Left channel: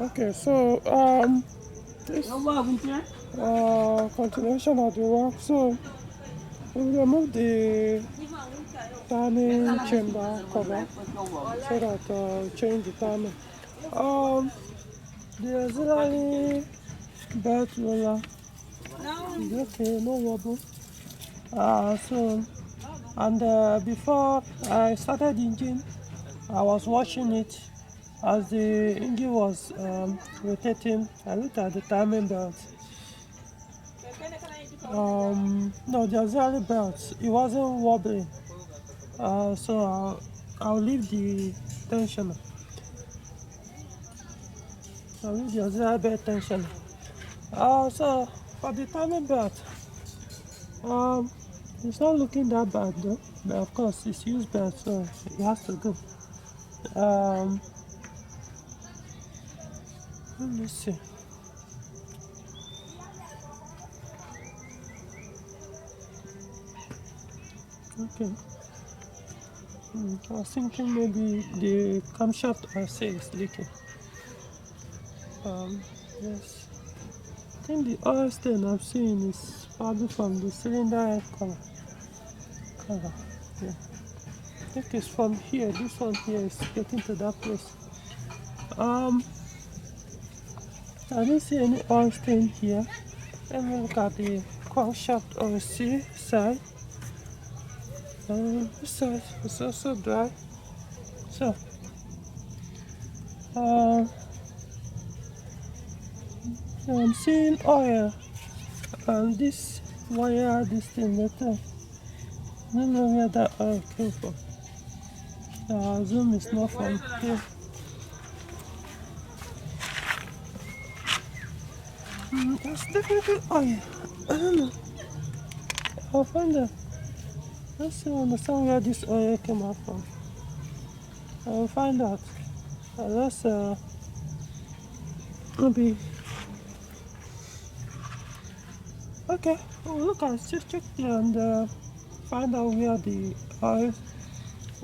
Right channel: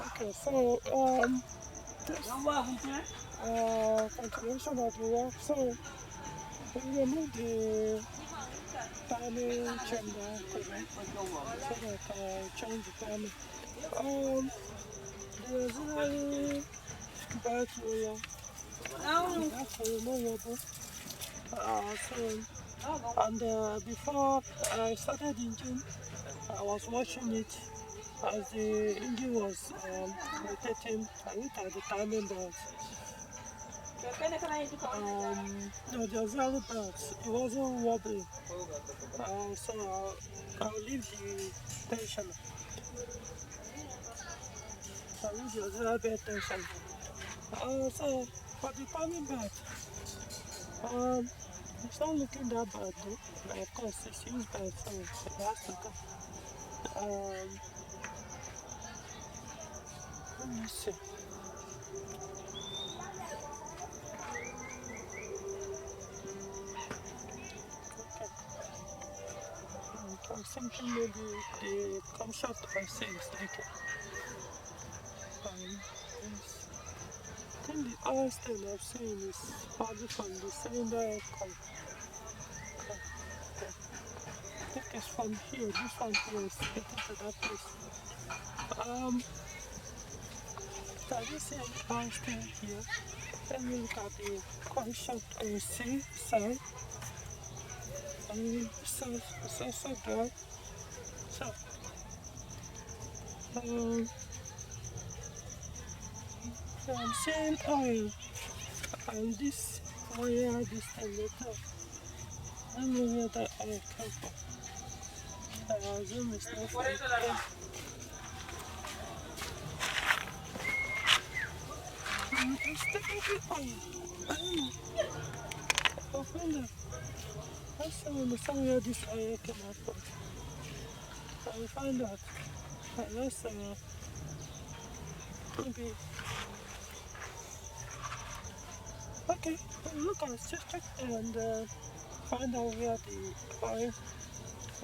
Okay, so this continuation of the work. So we remove the timing chamber cover so that change the timing. Um, the auxiliary belt roller is okay, no wobble. So and before I started the engine, I was watching it as the engine was rotating. I looked at the timing belt. No, the auxiliary belt, it wasn't wobbling. So I'll leave the tensioner. I'll leave the auxiliary belt tensioner. So for the timing belt, um, it's not looking that bad though. But of course, it's used belt, so it has to go. Um, Let me see. Okay. I was thinking maybe the camshaft I say is leaking. Yes. I think the oil stain I'm seeing is probably from the cylinder head cover. Yeah. I think it's from here. This one here is getting to that place. I didn't see any oil stain here. Let me look at the camshaft on the C side. This side is also dry. So, I'm seeing oil and this wire, this thing, I don't know where that oil came from. I assume it's not from here. That's definitely oil. I don't know. I'll find out. Let's see, understand where this oil came out from. I'll find out. Let's maybe. Okay, we'll look and just check there and find out where the oil,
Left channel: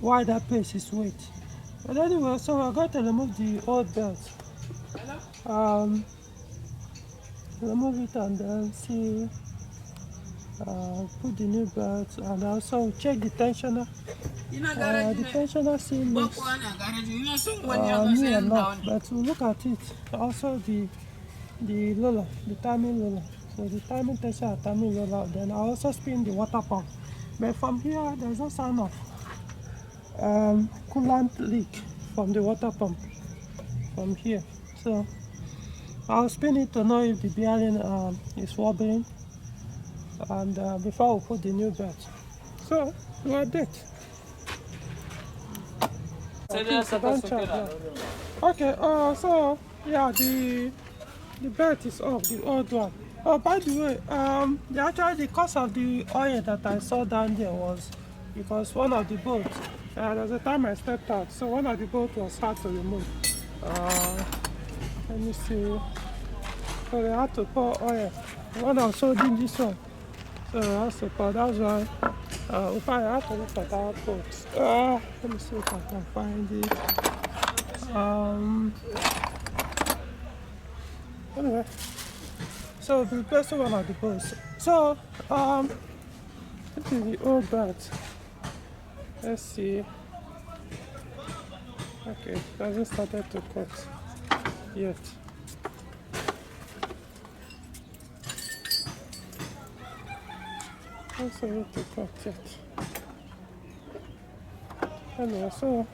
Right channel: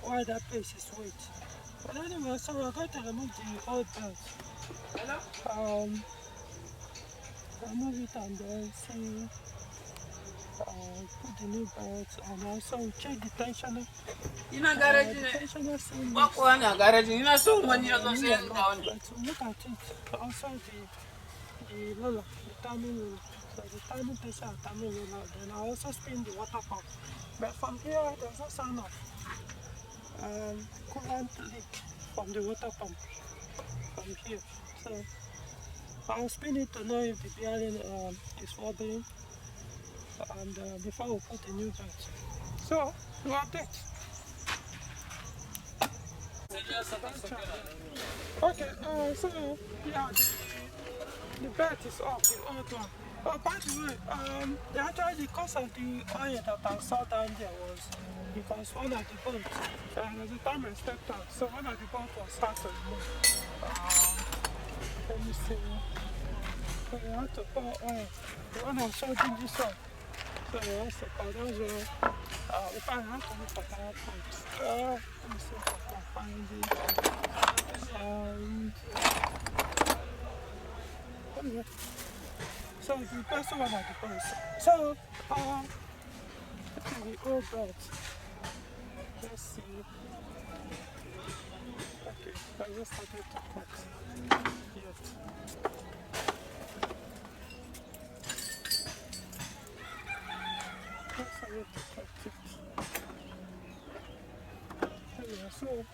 why that place is wet. But anyway, so we're going to remove the old belt. Remove it and then see, put the new belt and also check the tensioner. The tensioner seems new enough, but we'll look at it. Also the roller, the timing roller. So the timing tensioner, timing roller. Then I also spin the water pump. But from here, there's no sign of coolant leak from the water pump from here. So I'll spin it to know if the bearing is wobbling and before we put the new belt. So we update. Okay, so yeah, the belt is off, the old one. Oh, by the way, the cause of the oil that I saw down there was because one of the bolts, there's a time I stepped out, so one of the bolts was hard to remove. Let me see. So they had to pour oil. The one I showed in this one, so I had to pour. That's why. If I have to look for that bolt. Let me see if I can find it. Anyway, so the first one of the bolts. So, this is the old belt. Let's see. Okay, it hasn't started to cut yet. Not started to cut yet. Anyway, so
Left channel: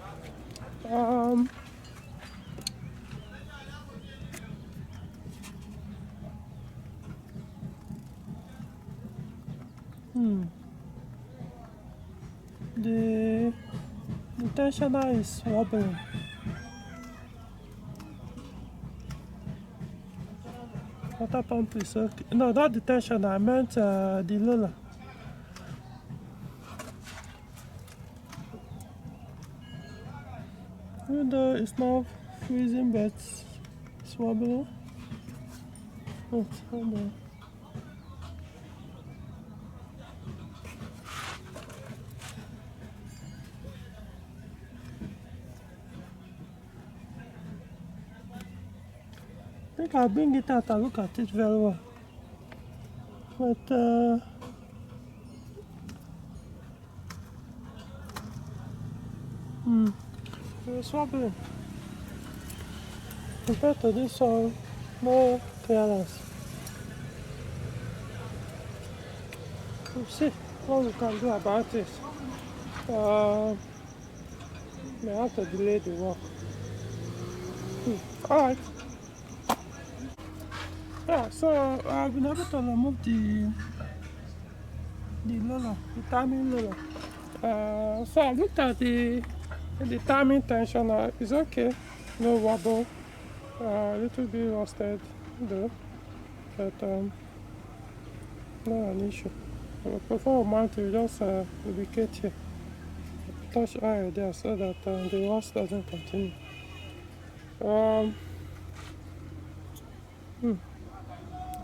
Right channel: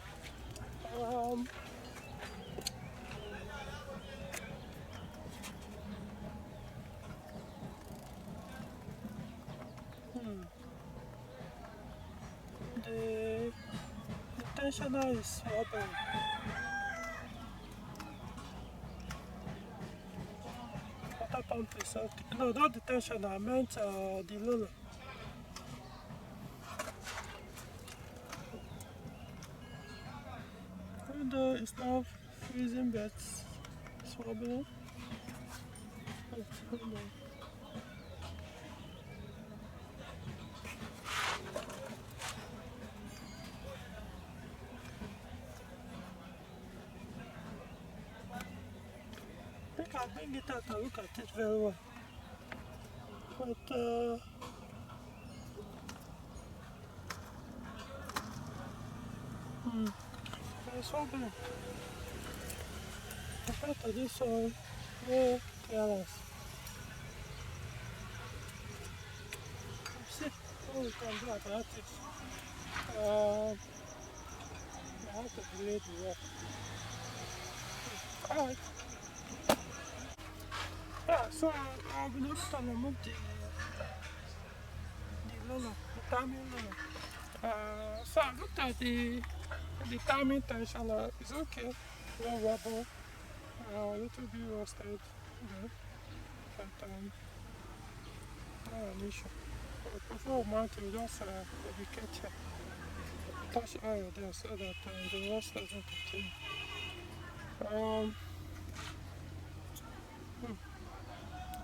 the tensioner is wobbling. Water pump is okay. No, not the tensioner. I meant the roller. Even though it's not freezing, but it's wobbling. Wait, hold on. think I'll bring it out and look at it very well. But it's wobbling. Compared to this one, more clearance. We'll see what we can do about it. May have to delay the work. Alright. Yeah, so I've been able to remove the loader, the timing loader. So I looked at the timing tensioner. It's okay, no wobble, a little bit rusted though, but not an issue. Before I mount it, just lubricate here, touch oil there so that the rust doesn't continue. The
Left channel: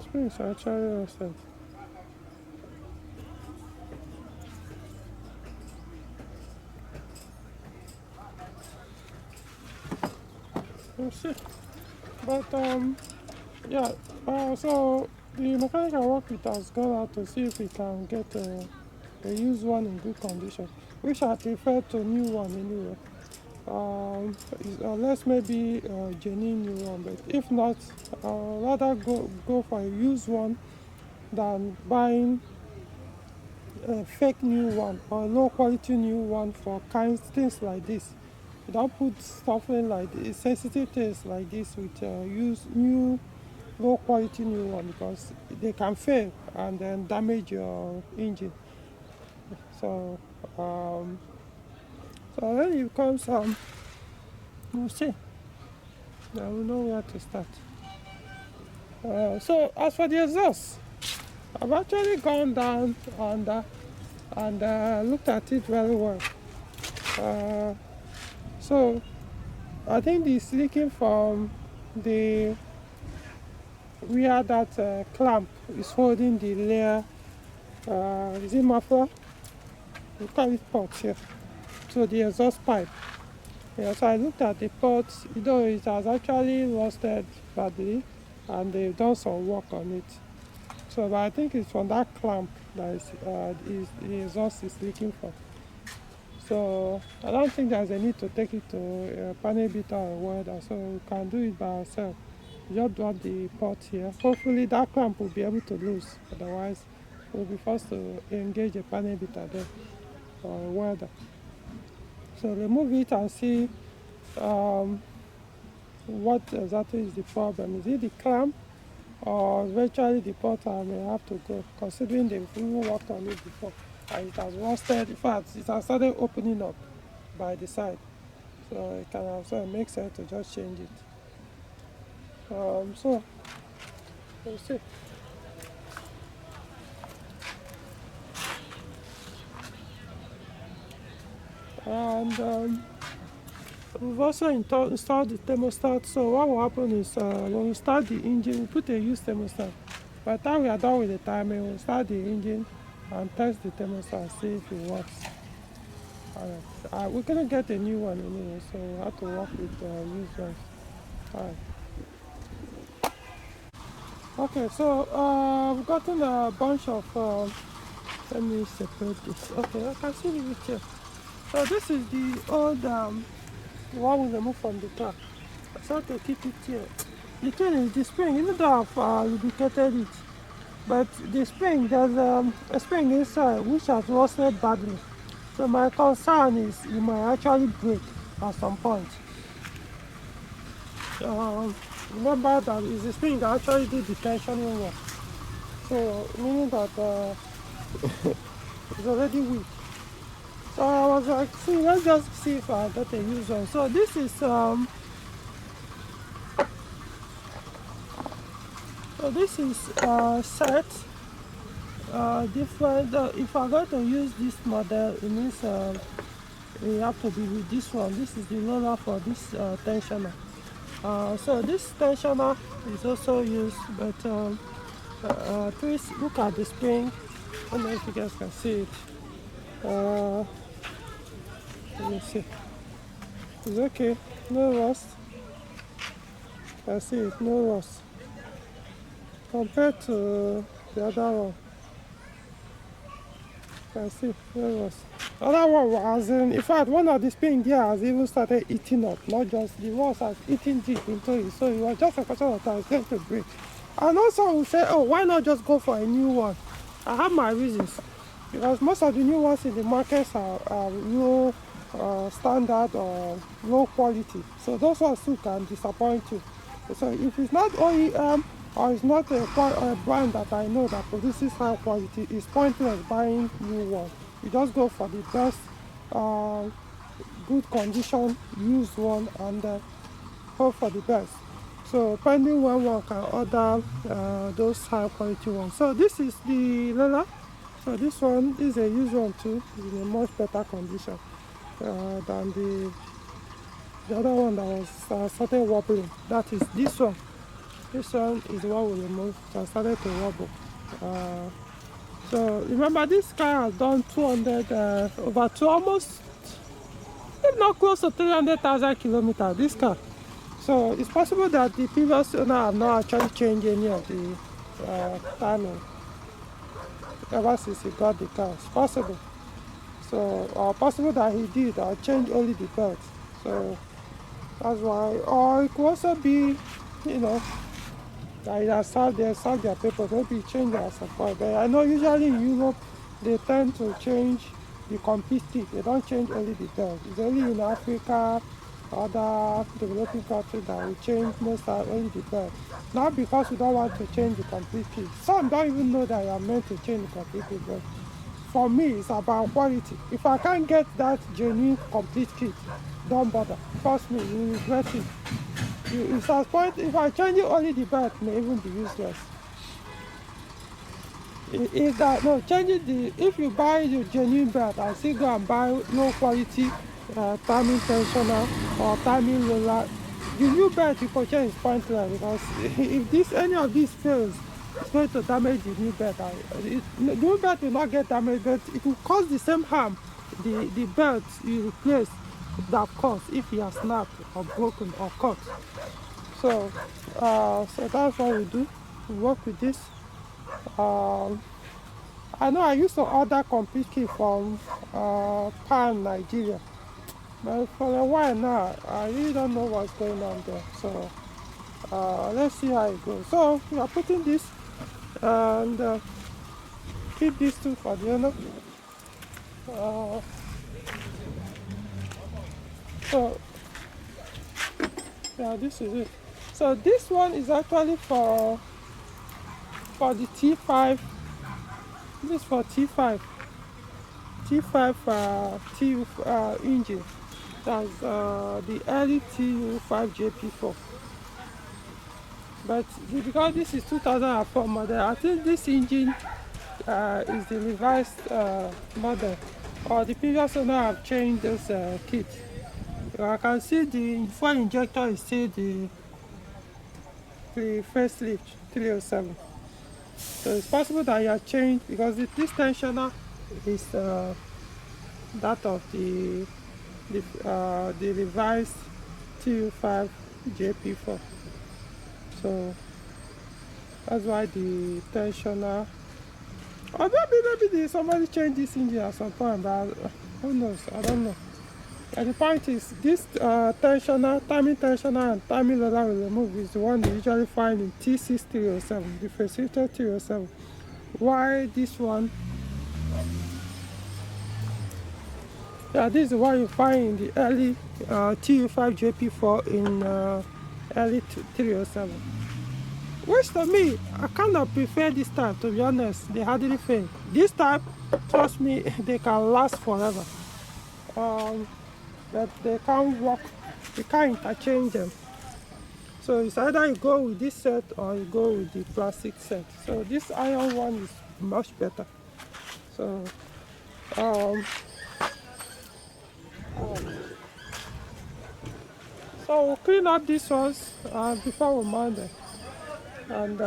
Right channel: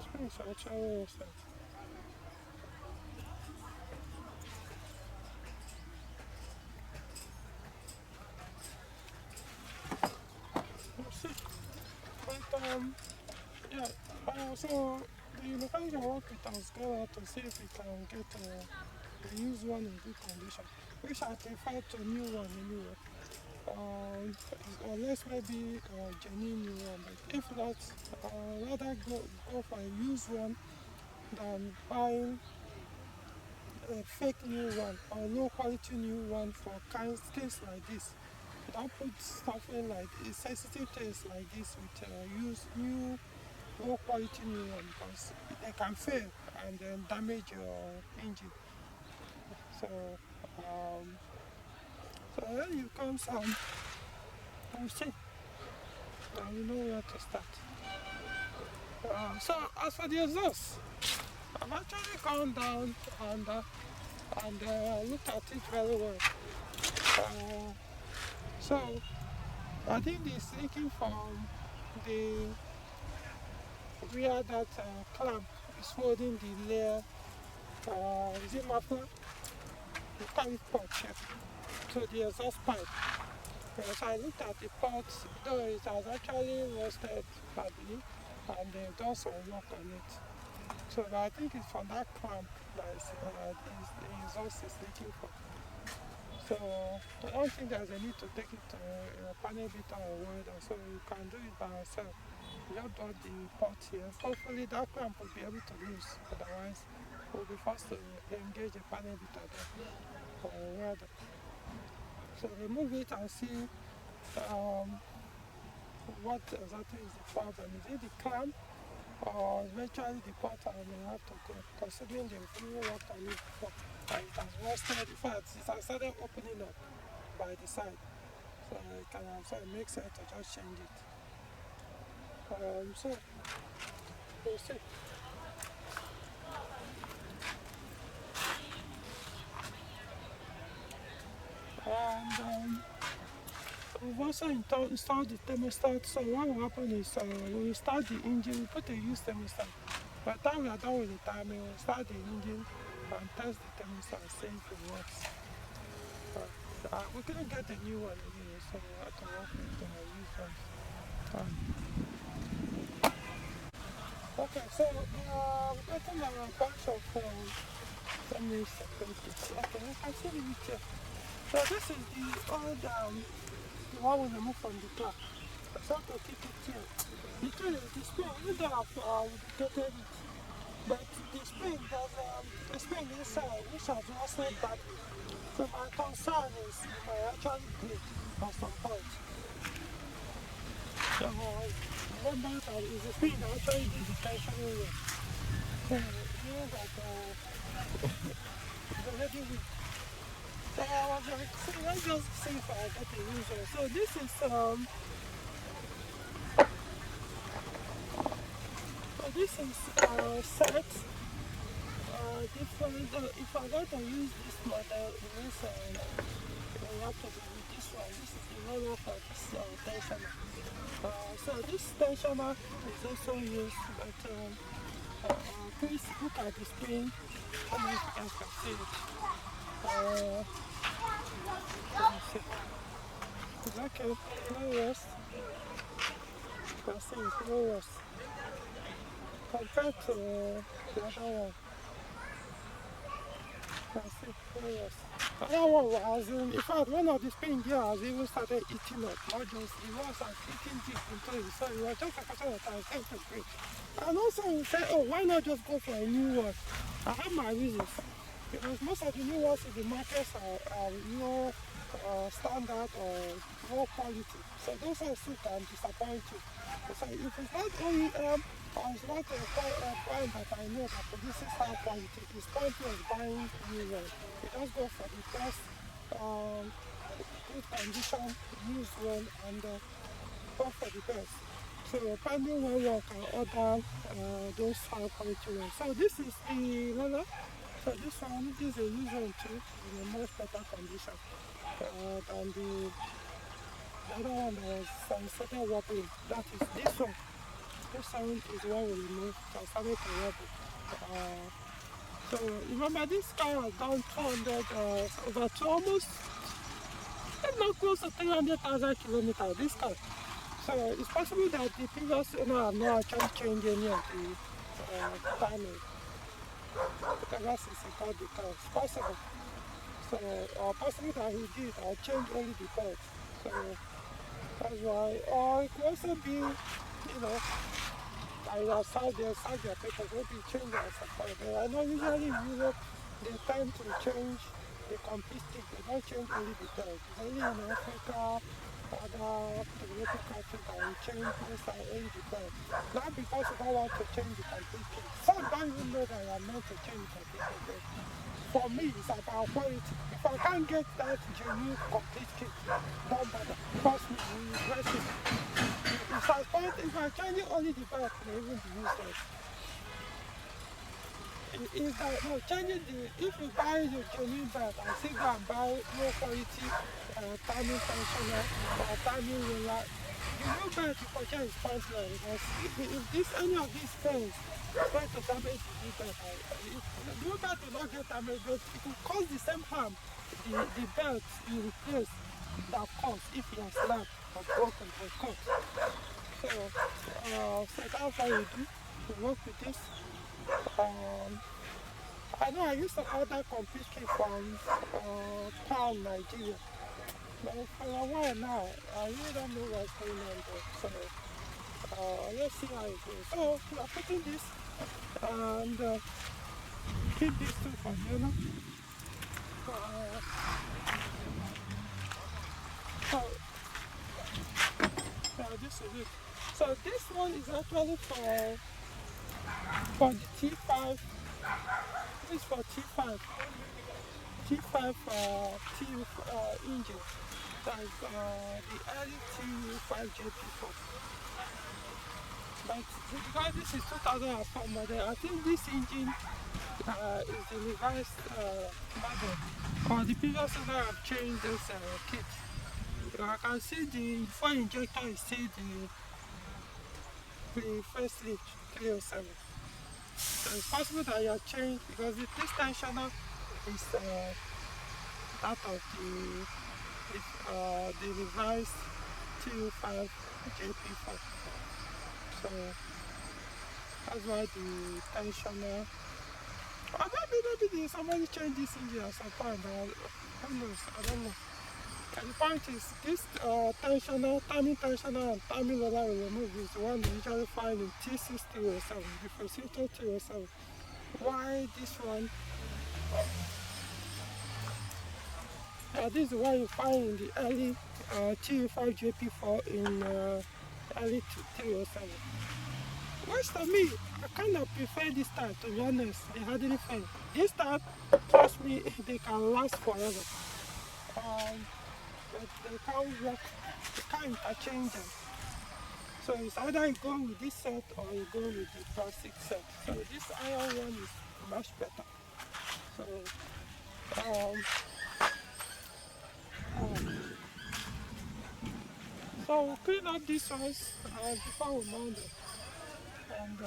springs are actually rusted. We'll see. But yeah, so the mechanic I work with has gone out to see if we can get a used one in good condition, which I prefer to new one anyway. Unless maybe a genuine new one, but if not, rather go for a used one than buying a fake new one or low quality new one for things like this. Don't put stuff in like this, sensitive things like this with use new low quality new one, because they can fail and then damage your engine. So when it comes we'll see. Now we know where to start. So as for the exhaust, I've actually gone down and looked at it very well. So I think it's leaking from the where that clamp is holding the layer. Is it muffler? We call it port here. So the exhaust pipe. Yeah, so I looked at the ports, though it has actually rusted badly and they've done some work on it. So but I think it's from that clamp that the exhaust is leaking from. So I don't think there's a need to take it to a panel beater or welder, so we can do it by ourselves. Just drop the port here. Hopefully that clamp will be able to loose, otherwise we'll be forced to engage a panel beater there or a welder. So remove it and see what exactly is the problem. Is it the clamp or eventually the port may have to go, considering they've even worked on it before and it has rusted. In fact, it has started opening up by the side, so it makes sense to just change it. So we'll see. And we've also installed the thermostat. So what will happen is when we start the engine, we put a used thermostat. By the time we are done with the timing, we'll start the engine and test the thermostat, see if it works. Alright. We're gonna get a new one anyway, so we have to work with used ones. Alright. Okay, so we've gotten a bunch of let me separate this. Okay, I can see it here. So this is the old the one we removed from the car. So to keep it here. The thing is the spring, even though I've lubricated it, but the spring, there's a spring inside which has rusted badly. So my concern is it might actually break at some point. Remember that it's the spring that actually did the tensioning work. So meaning that it's already weak. So I was like, let's just see if I get a used one. So this is set different. If I'm going to use this model, it means you have to be with this one. This is the roller for this tensioner. So this tensioner is also used, but please look at the spring. I don't know if you guys can see it. Let me see. It's okay, no rust. can see it's no worse compared to the other one. Can see no worse. The other one was in fact one of the spin gear has even started eating up, not just the walls has eaten deep into it. So it was just a question of time it's going to break. And also we say, oh, why not just go for a new one? I have my reasons. Because most of the new ones in the markets are low standard or low quality. So those ones too can disappoint you. So if it's not OEM or it's not a brand that I know that produces high quality, it's pointless buying new one. You just go for the best, good condition used one and hope for the best. So depending when one can order those high quality ones. So this is the leather. So this one is a used one too, in a much better condition than the other one that was started wobbling. That is this one. This one is the one we removed that started to wobble. So remember this car has done 200, over two, almost, if not close to 300,000 kilometers, this car. So it's possible that the previous owner have not actually changed any of the timing ever since he got the car. It's possible. So possible that he did or changed only the belt. So that's why. Or it could also be, you know, that they serve their papers, maybe change at some point. But I know usually in Europe they tend to change the complete kit. They don't change only the belt. It's only in Africa, other developing countries that will change most of only the belt. Not because we don't want to change the complete kit. Some don't even know that you are meant to change the complete kit. But for me, it's about quality. If I can't get that genuine complete kit, don't bother. Trust me, you regret it. It's at point if I change it only the belt may even be useless. Is that no changing the if you buy the genuine belt and still go and buy low quality timing tensioner or timing roller, the new belt you purchase is pointless because if this any of these fails, it's going to damage the new belt. The new belt will not get damaged, but it will cause the same harm the belt you replace that caused if it has snapped or broken or cut. So that's what we do. We work with this. I know I used to order complete kit from Pan, Nigeria, but for a while now, I really don't know what's going on there. So let's see how it goes. So we are putting this and keep these two for the owner. So yeah, this is it. So this one is actually for the T5. This is for T5 engine. That's the early T5 JP4. But because this is 2004 model, I think this engine is the revised model, or the previous owner have changed this kit. I can see the fuel injector is still the facelift 307. So it's possible that you have changed because this tensioner is that of the revised TU5 JP4. So that's why the tensioner, or maybe somebody changed this engine at some point, but who knows? I don't know. And the point is, this tensioner, timing tensioner and timing loader we remove is the one you usually find in T6307, the facilitator 307. Why this one? Yeah, this is the one you find in the early TU5 JP4 in early 307. Which to me, I kind of prefer this type, to be honest. They hardly fail. This type, trust me, they can last forever. But they can't work, you can't interchange them. So it's either you go with this set or you go with the plastic set. So this iron one is much better. So so we'll clean up these ones before we mount them and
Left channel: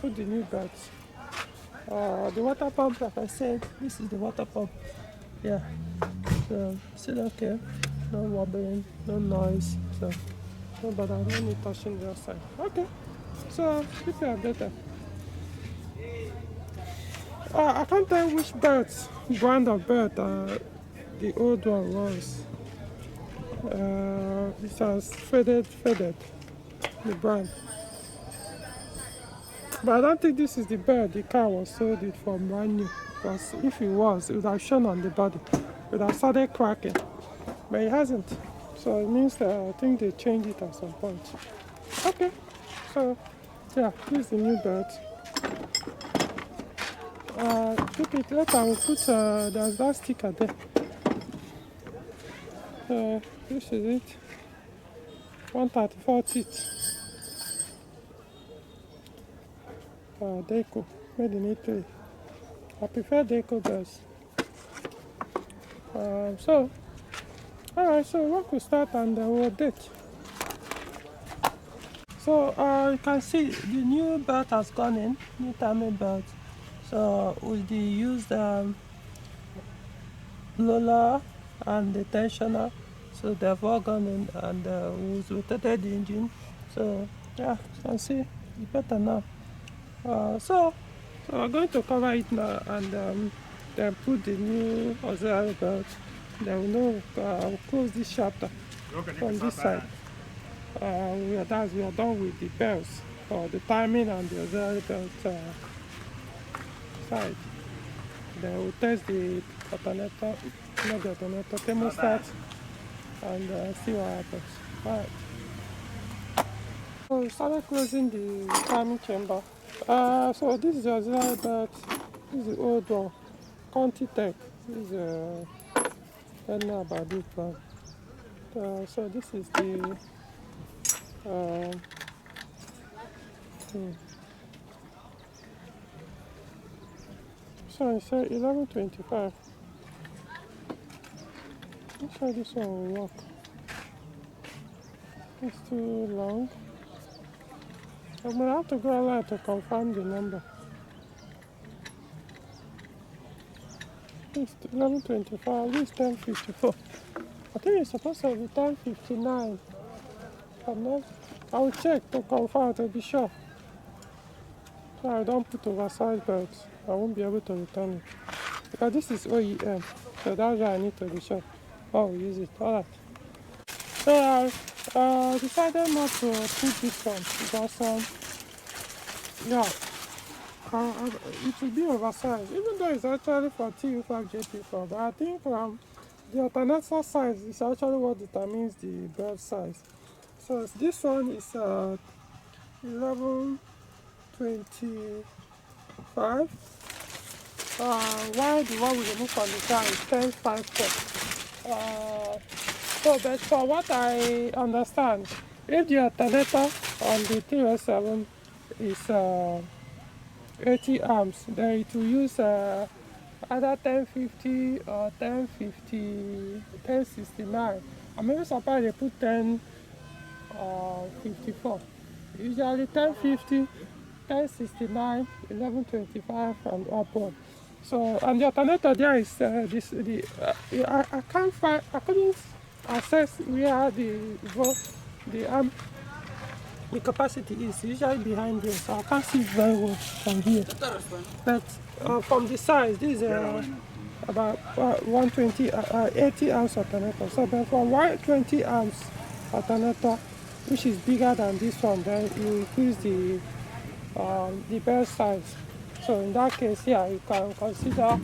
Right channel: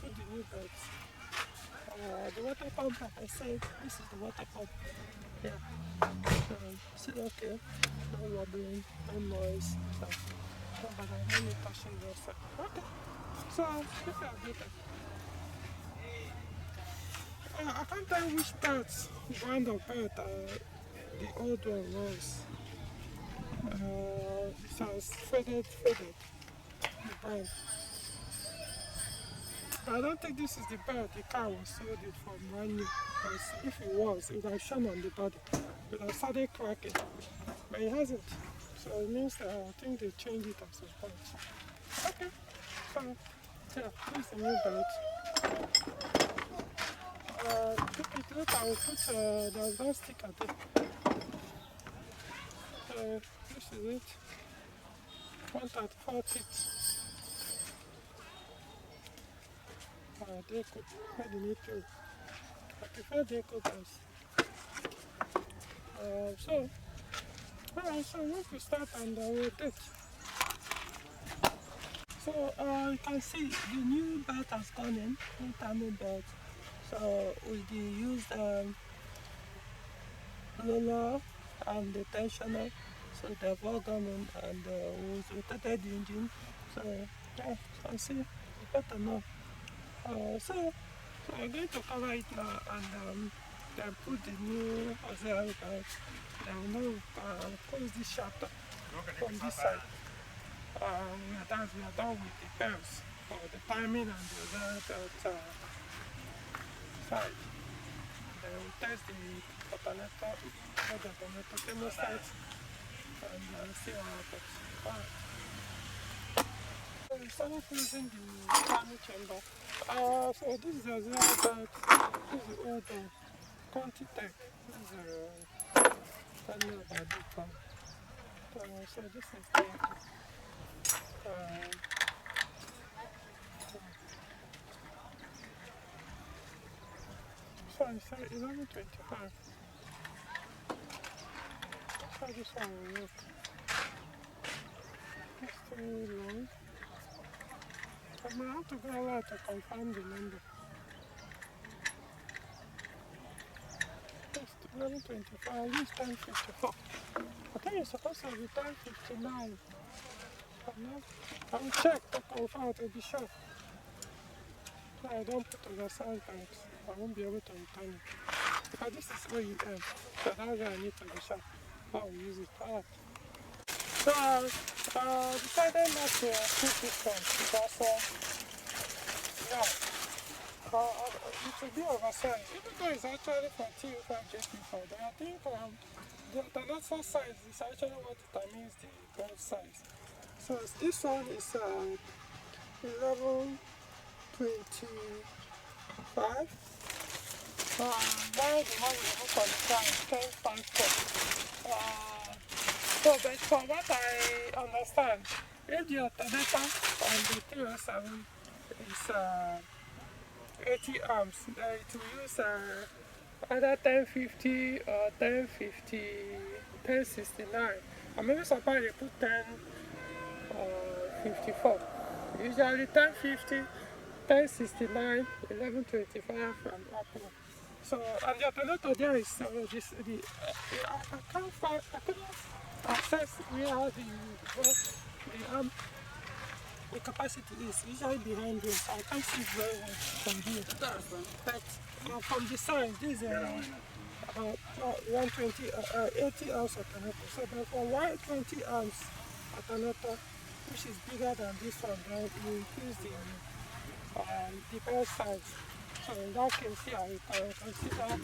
put the new belts. The water pump, like I said, this is the water pump. Yeah. So still okay. No wobbling, no noise. So No, but I don't need touching the outside. Okay, so keep you updated. I can't tell which brand of bird the old one was. It has faded, the brand. But I don't think this is the bird the car was sold it for brand new. Because if it was, it would have shown on the body. It would have started cracking. But it hasn't. So it means that I think they changed it at some point. Okay. So, yeah, this is the new bird. Took it later, we'll put there's that sticker there. This is it. 134 teeth. Deco, made in Italy. I prefer Deco birds. Alright, so we could start and we'll update. So you can see the new belt has gone in, new timing belt. So with the used blower and the tensioner, so they've all gone in, and we rotated the engine. So yeah, you can see it's better now. So we're going to cover it now and then put the new auxiliary belt. Then we'll close this chapter from this side. We are done with the belts for the timing and the auxiliary belt side. Then we'll test the alternator, not the alternator, thermostat, and see what happens. Alright. So we started closing the timing chamber. So this is the auxiliary belt. This is the old one, Conti Tech. This is I don't know about this one. So this is the so I said 1125. Let's try this one will work. It's too long. I'm gonna have to go online to confirm the number. It's 1125, this is 1054. I think it's supposed to be 1059. I will check to confirm to be sure. So I don't put oversized belts. I won't be able to return it. Because this is OEM, so that's why I need to be sure. Oh, we use it. Alright. So I decided not to put this one because it will be oversized, even though it's actually for TU5 JP4. But I think the alternator size is actually what determines the belt size. So this one is 1125. While the one we remove from the car is 1054. So, but for what I understand, if the alternator on the 307 is 80 amps, then it will use either 1050 or 1069. I'm maybe surprised they put 1054. Usually 1050, 1069, 1125, and upward. So, and the alternator there is I couldn't access where the capacity is usually behind here, so I can't see it very well from here. But from the size, this is about 120, 80 amps alternator. So but from 120 amps alternator, which is bigger than this one, then you increase the belt size. So in that case, yeah, you can consider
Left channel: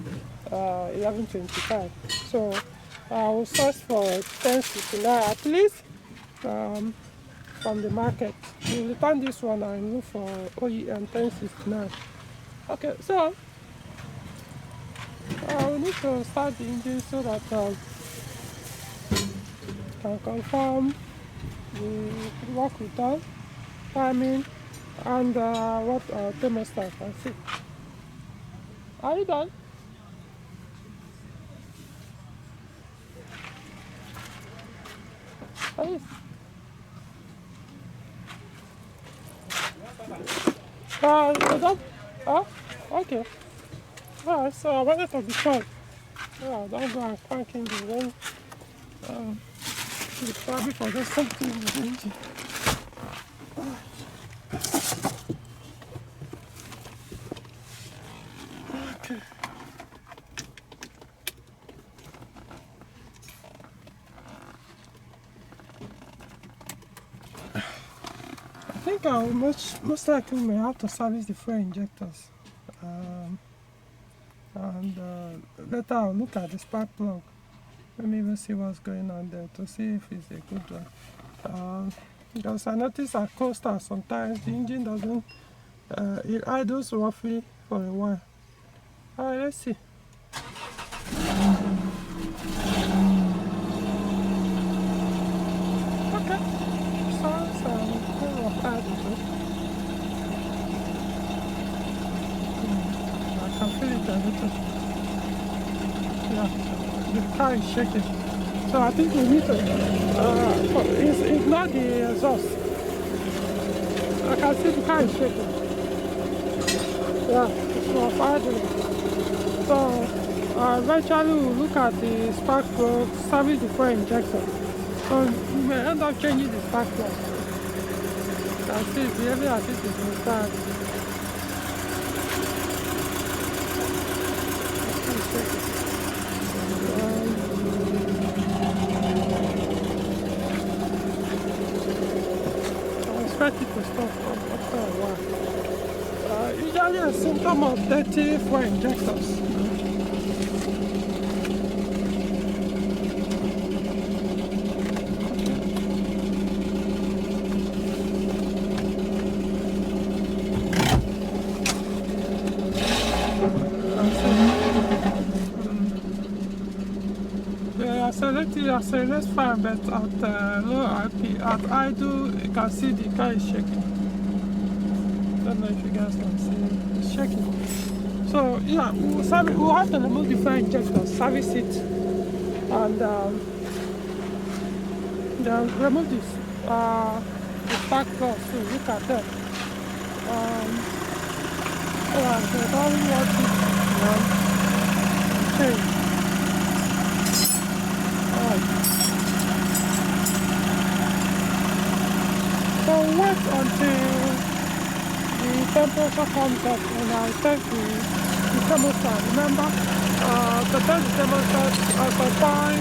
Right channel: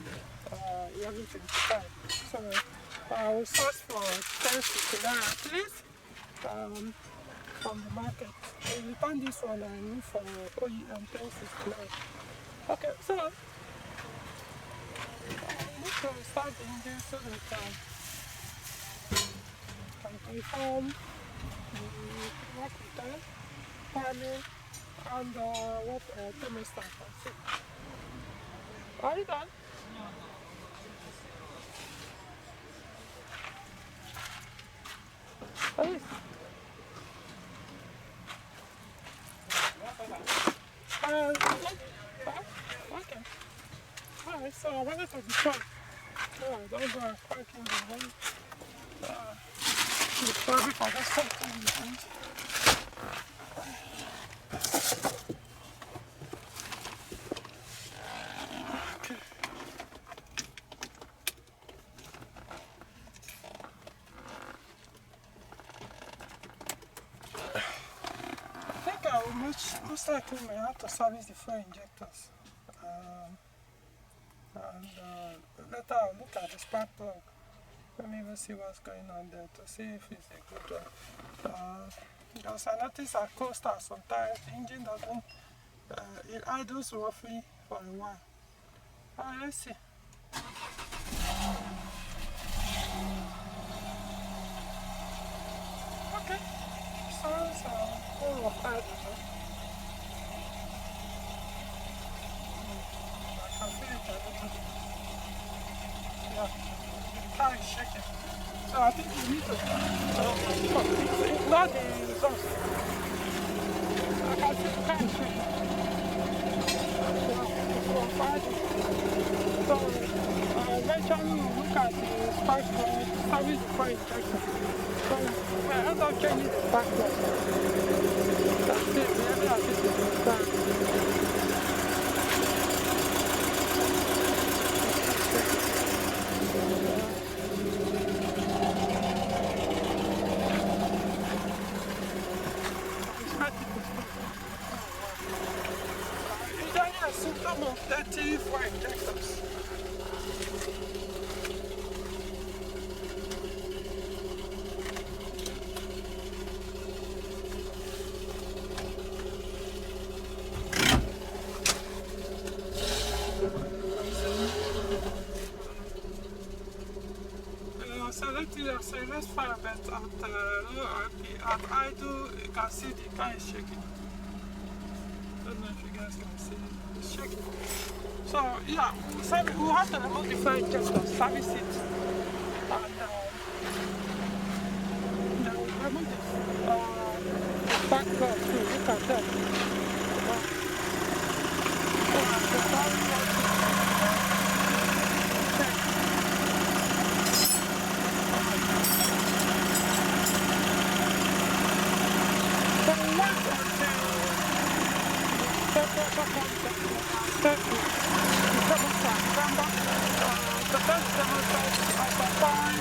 1125. So I'll search for 1069 at least from the market. We return this one and look for OEM 1069. Okay, so we need to start the engine so that can confirm the work we've done, timing, and what thermostat can see. Are you done? Are you? You done? Okay. Alright, so I wanted to be sure. Yeah, don't go and crank in the rain. You probably forgot something in the engine. Okay. I think I will most likely may have to service the fuel injectors. And later I'll look at the spark plug. Let me even see what's going on there to see if it's a good one. Because I notice at coasters sometimes the engine doesn't, it idles roughly for a while. Alright, let's see. Okay, so it's a full of idle. I can feel it a little. Yeah, the car is shaking. So I think we need to, it's not the exhaust. I can see the car is shaking. Yeah, it's for idling. So eventually we'll look at the spark plug, service the fuel injector. So we may end up changing the spark plug. That's it, really I think it's inside. Usually a symptom of dirty fuel injectors. Accelerates fine, but at low RP, at idle, you can see the car is shaking. Don't know if you guys can see it's shaking. So yeah, we'll have to remove the fuel injector, service it, and then remove this the spark plug too. Look at that. So I don't want to change. So wait until the temperature comes up and I'll set the thermostat. Remember, the thermostat at a point,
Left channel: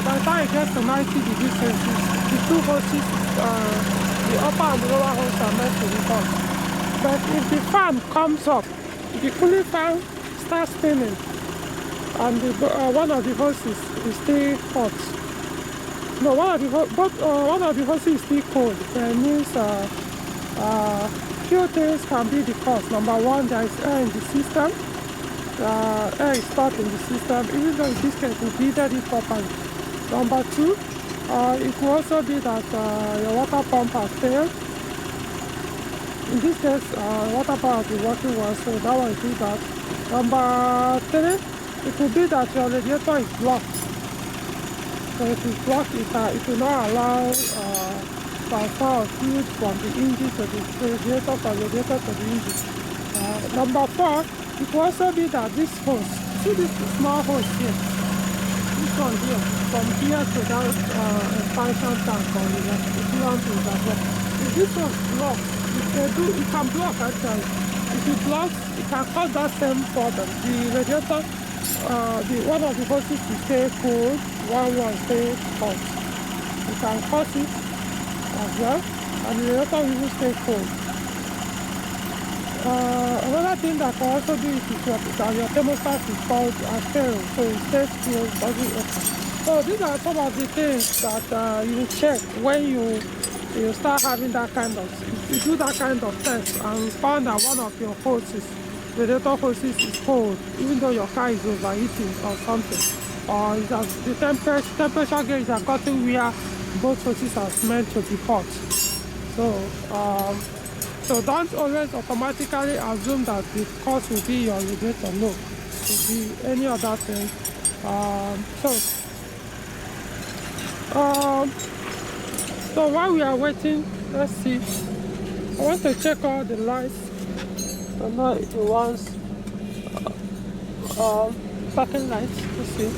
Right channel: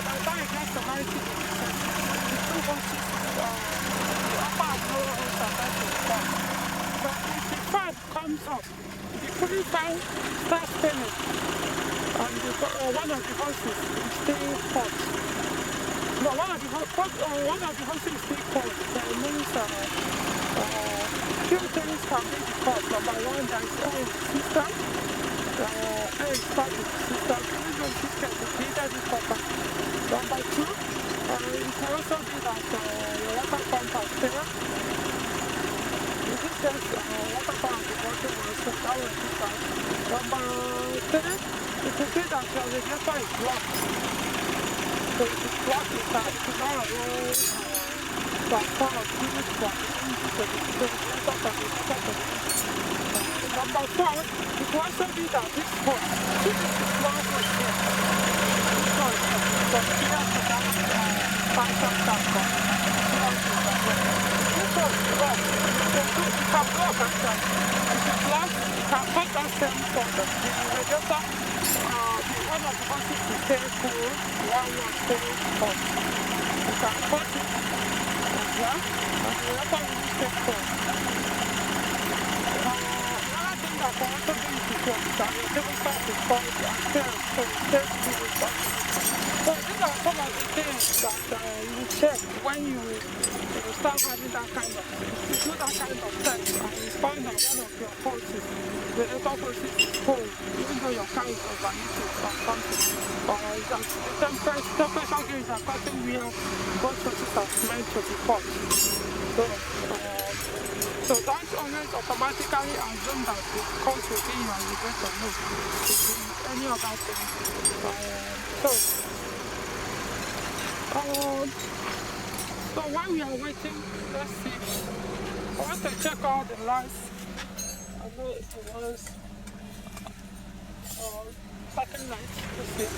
by the time it gets to 90 degrees Celsius, the two hoses, the upper and the lower hose are meant to be on. But if the fan comes up, the cooling fan starts spinning, and one of the hoses is still hot. No, one of the hoses is still cold. That means few things can be the cause. Number one, there is air in the system. Air is stuck in the system. Even though in this case we heated it properly. Number two, it could also be that your water pump has failed. In this case, water pump has been working well, so that one is that. Number three, it could be that your radiator is blocked. So if it's blocked, it will not allow transfer of fluid from the engine to the radiator, from the radiator to the engine. Number four, it will also be that this hose, see this small hose here, this one here, from here to that expansion tank on the coolant is as well. If this one blocks, it can block actually. If it blocks, it can cause that same problem. The radiator, one of the hoses will stay cool, one will stay hot. You can cut it as well, and the other will stay cold. Another thing that can also be is that your thermostat is called stereo, so it stays cool, doesn't open. So these are some of the things that you check when you start having that kind of, you do that kind of test and you found that one of your hoses, radiator hoses is cold, even though your car is overheating or something, or the temperature gauge are cutting where both hoses are meant to be hot. So don't always automatically assume that the cause will be your radiator. No, it will be any other thing. So while we are waiting, let's see. I want to check all the lights. I know it wants parking lights. Let's see.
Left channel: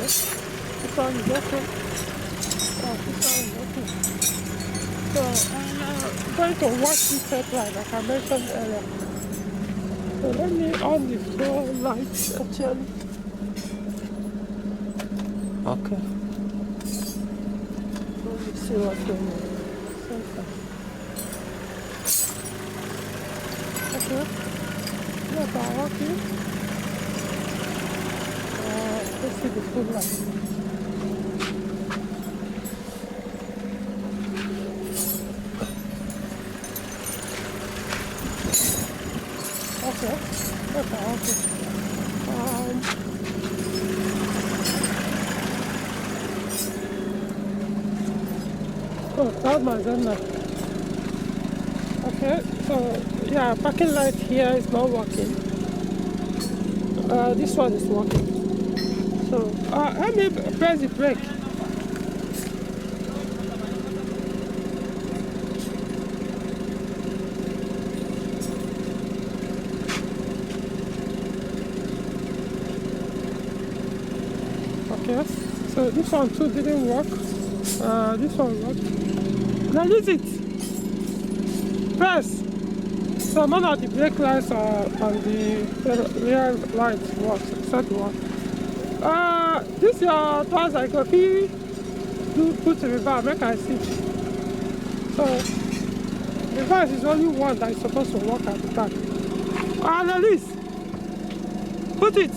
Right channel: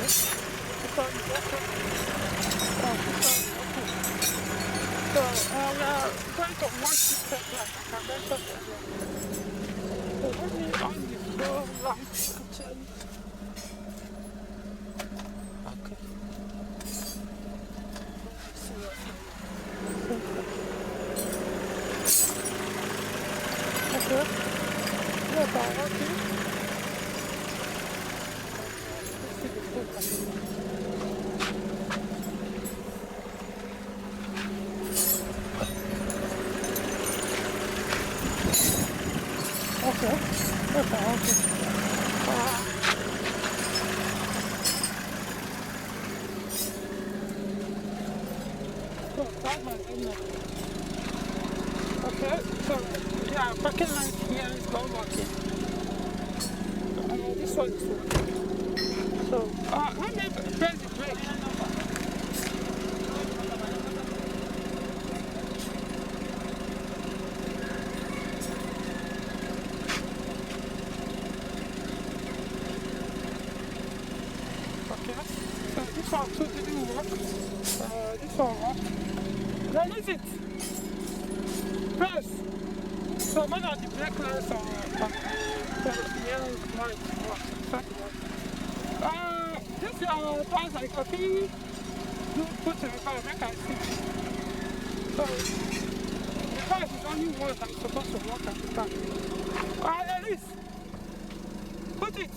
Okay. This one is okay. Oh, this one is okay. So I'm going to watch this headline like I mentioned earlier. So let me on the floor lights actually. Okay. Let me see what's going on. Okay. Yes, I'm working. Let's see the full light. Okay. Yes, I'm working. Oh, that's my agenda. Okay, so yeah, parking light here is not working. This one is working. So let me press the brake. Okay, so this one too didn't work. This one worked. Release it. Press. So none of the brake lights and the rear lights work, except one. This is your tricycle. Do put in reverse, make I see. So reverse is only one that is supposed to work at the time. Release. Put it.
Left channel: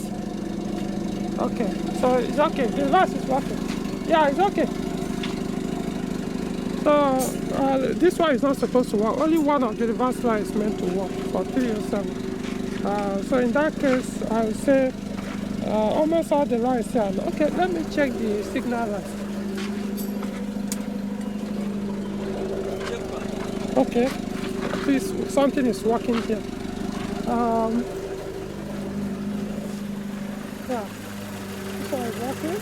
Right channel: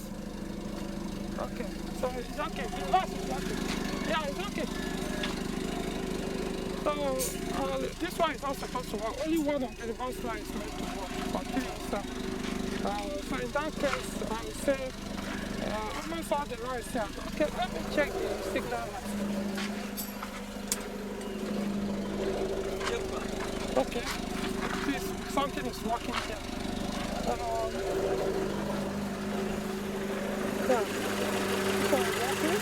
Okay, so it's okay. The reverse is working. Yeah, it's okay. So this one is not supposed to work. Only one of the reverse lights is meant to work for 307. So in that case, I would say almost all the lights here. Okay, let me check the signal light. Okay, please, something is working here. Yeah, this one is working.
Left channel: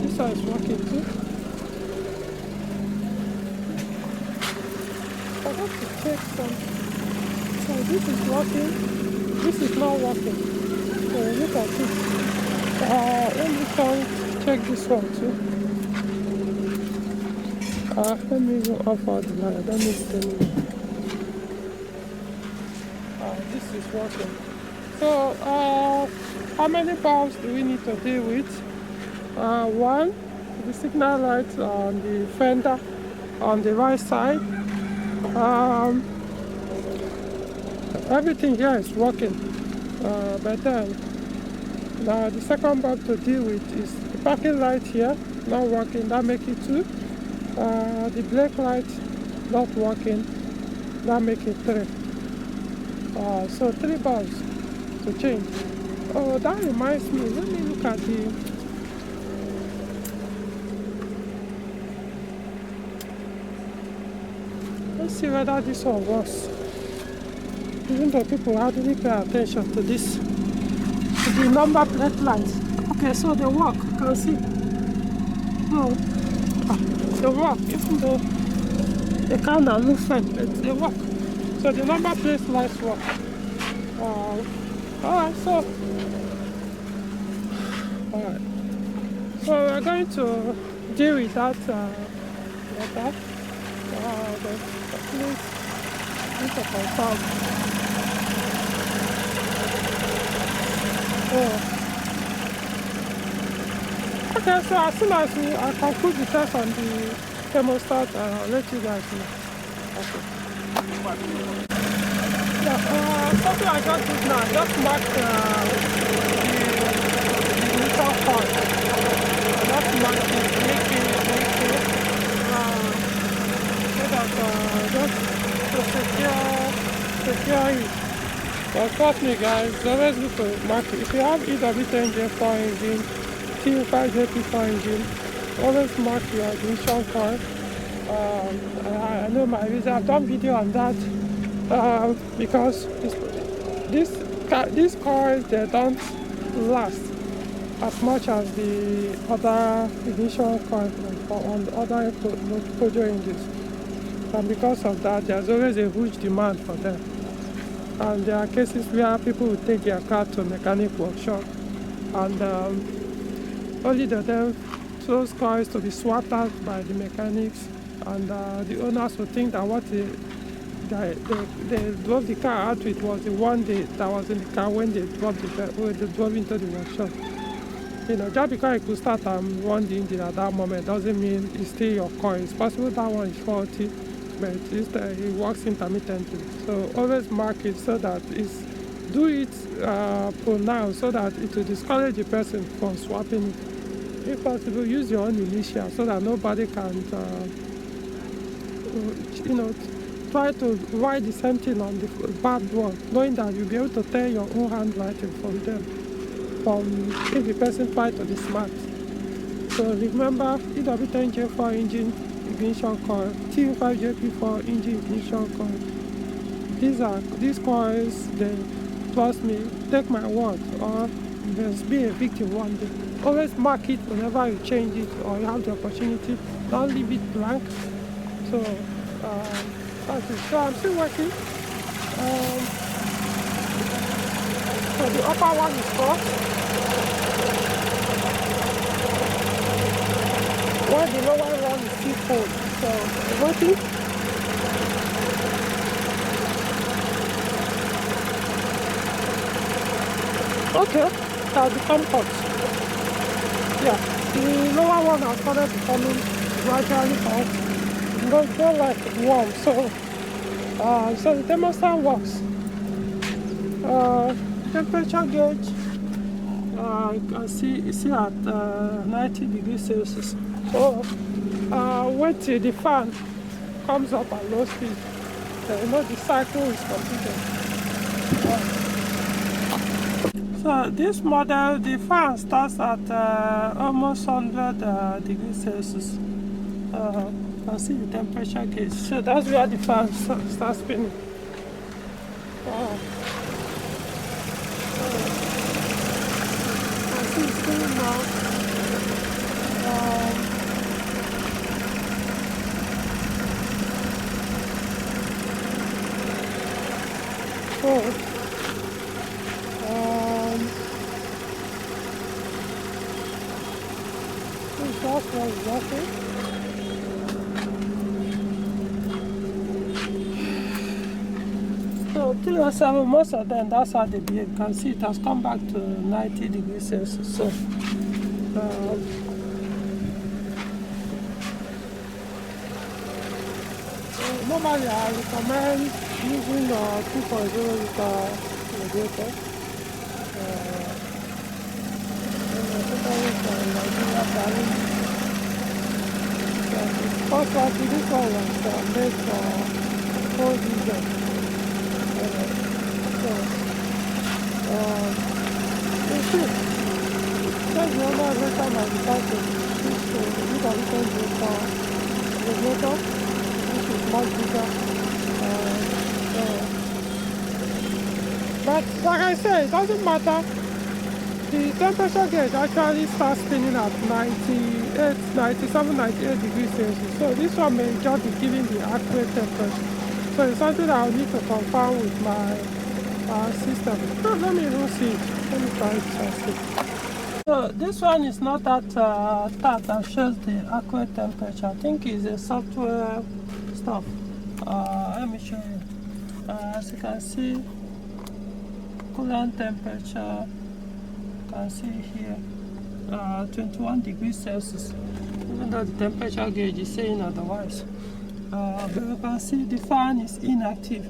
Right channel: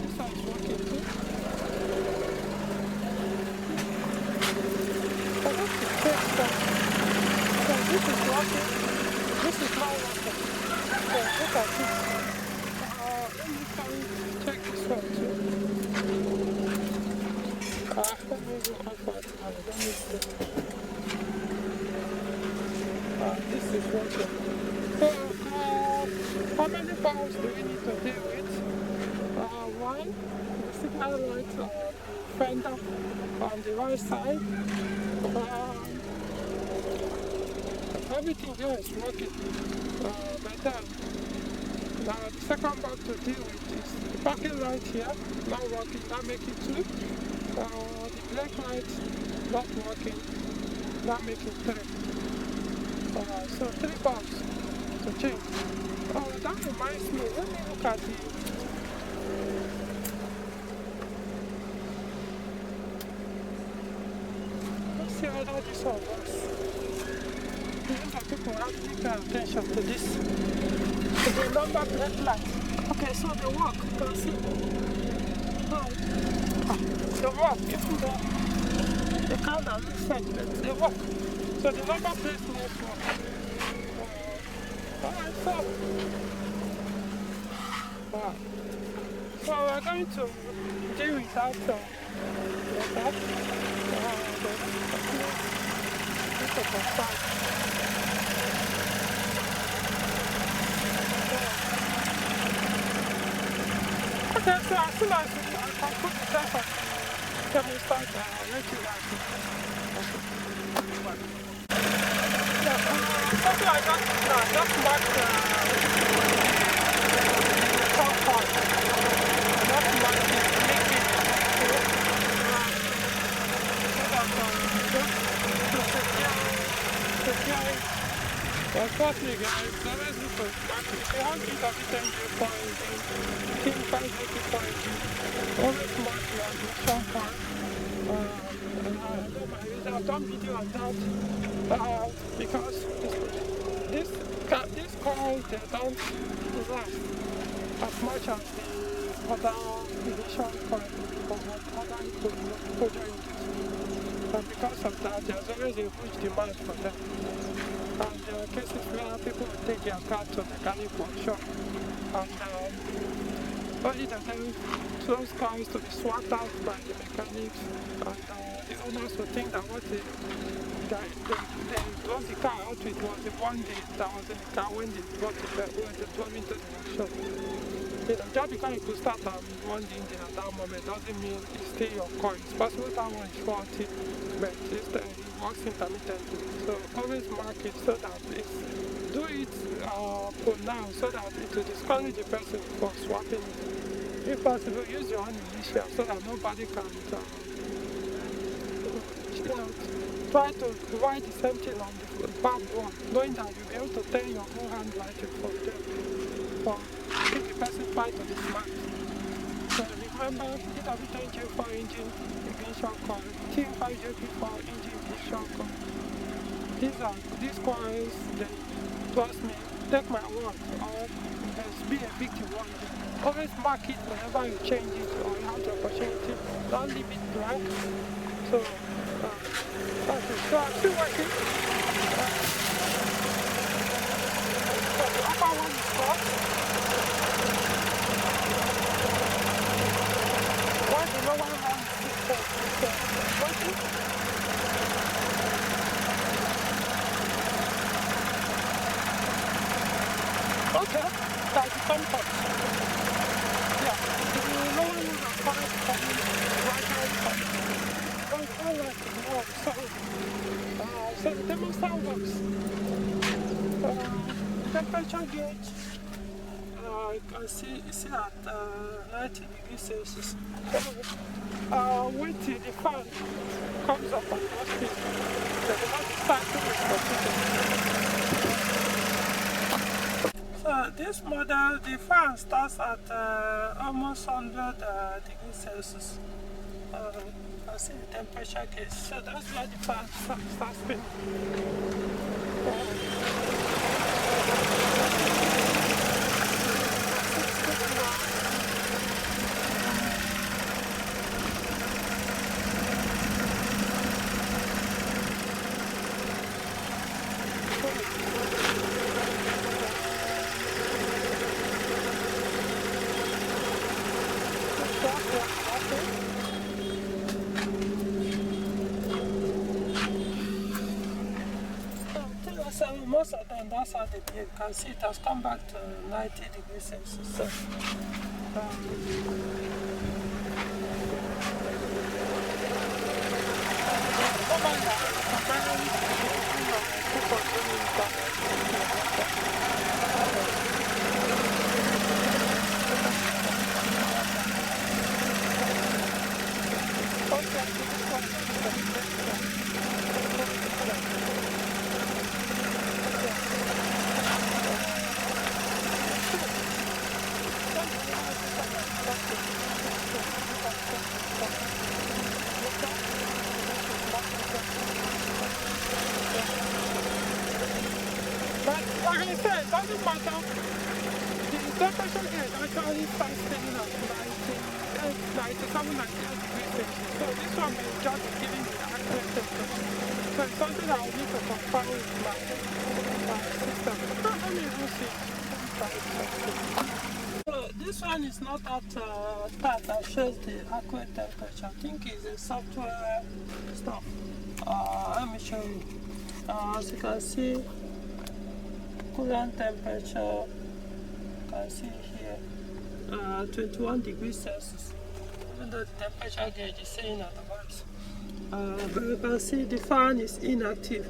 This one is working too. I have to check something. So this is working, this is not working. So look at this. Let me check this one too. Let me even off all the light. Let me see. This is working. So how many bulbs do we need to deal with? One, the signal light on the fender on the right side. Everything here is working, but then now the second bulb to deal with is the parking light here not working. That makes it 2. The brake light not working. That makes it 3. So 3 bulbs to change. Oh, that reminds me. Let me look at the. Let's see whether this one works. Even though people hardly pay attention to this, to the number plate lights. Okay, so they work. You can see. Oh, they work. Even though they kind of look faint, but they work. So the number plate lights work. Alright, so we're going to deal with that later. Please need to confirm. Okay, so as soon as I conclude the test on the thermostat, I'll let you guys know. Okay. Yeah, something I just did now, just mark the initial point. Just mark it, make it, so that just to secure it. But trust me guys, it's always good to mark it. If you have EW10J4 engine, T5JP4 engine, always mark your ignition coil. I know my reason, I've done video on that because these coils, they don't last as much as the other ignition coils on the other Peugeot engines. And because of that, there's always a huge demand for them. And there are cases where people will take their car to a mechanic workshop and only those cars to be swapped out by the mechanics, and the owners will think that what they drove the car out with was the one that was in the car when they drove into the workshop. Just because it could start and run the engine at that moment doesn't mean it's still your car. It's possible that one is faulty, but it works intermittently. So always mark it so that do it pronounced so that it will discourage the person from swapping it. If possible, use your own initial so that nobody can, try to write the same thing on the bad one, knowing that you'll be able to tell your own handwriting from them, if the person tries to be smart. So remember, EW10J4 engine ignition coil, T5JP4 engine ignition coil. These coils, then trust me, take my word, or just be a victim one day. Always mark it whenever you change it or you have the opportunity. Don't leave it blank. So that's it. So I'm still working. So the upper one is crossed. While the lower one is still cold. So I'm working. Okay, that's the comfort. Yeah, the lower one has started becoming gradually hot. But it's not like warm, so the thermostat works. Temperature gauge, you can see at 90 degrees Celsius. So wait till the fan comes up at low speed. So the cycle is completed. So this model, the fan starts at almost 100 degrees Celsius. You can see the temperature gauge. So that's where the fan starts spinning. You can see it's spinning now. So 307, most of them, that's how they behave. You can see it has come back to 90 degrees Celsius. So normally I recommend using 2.0 carburetor. Also, actually, this one was made from cold diesel. It's good. Just remember every time I decide to switch to this addition to the motor, which is much bigger. But like I said, it doesn't matter. The temperature gauge actually starts spinning at 97, 98 degrees Celsius. So this one may just be giving the accurate temperature. So it's something I'll need to confirm with my system. So let me even see it. Let me try it. So this one is not that that shows the accurate temperature. I think it's a software stuff. Let me show you. As you can see, coolant temperature. You can see here 21 degrees Celsius, even though the temperature gauge is saying otherwise. But you can see the fan is inactive.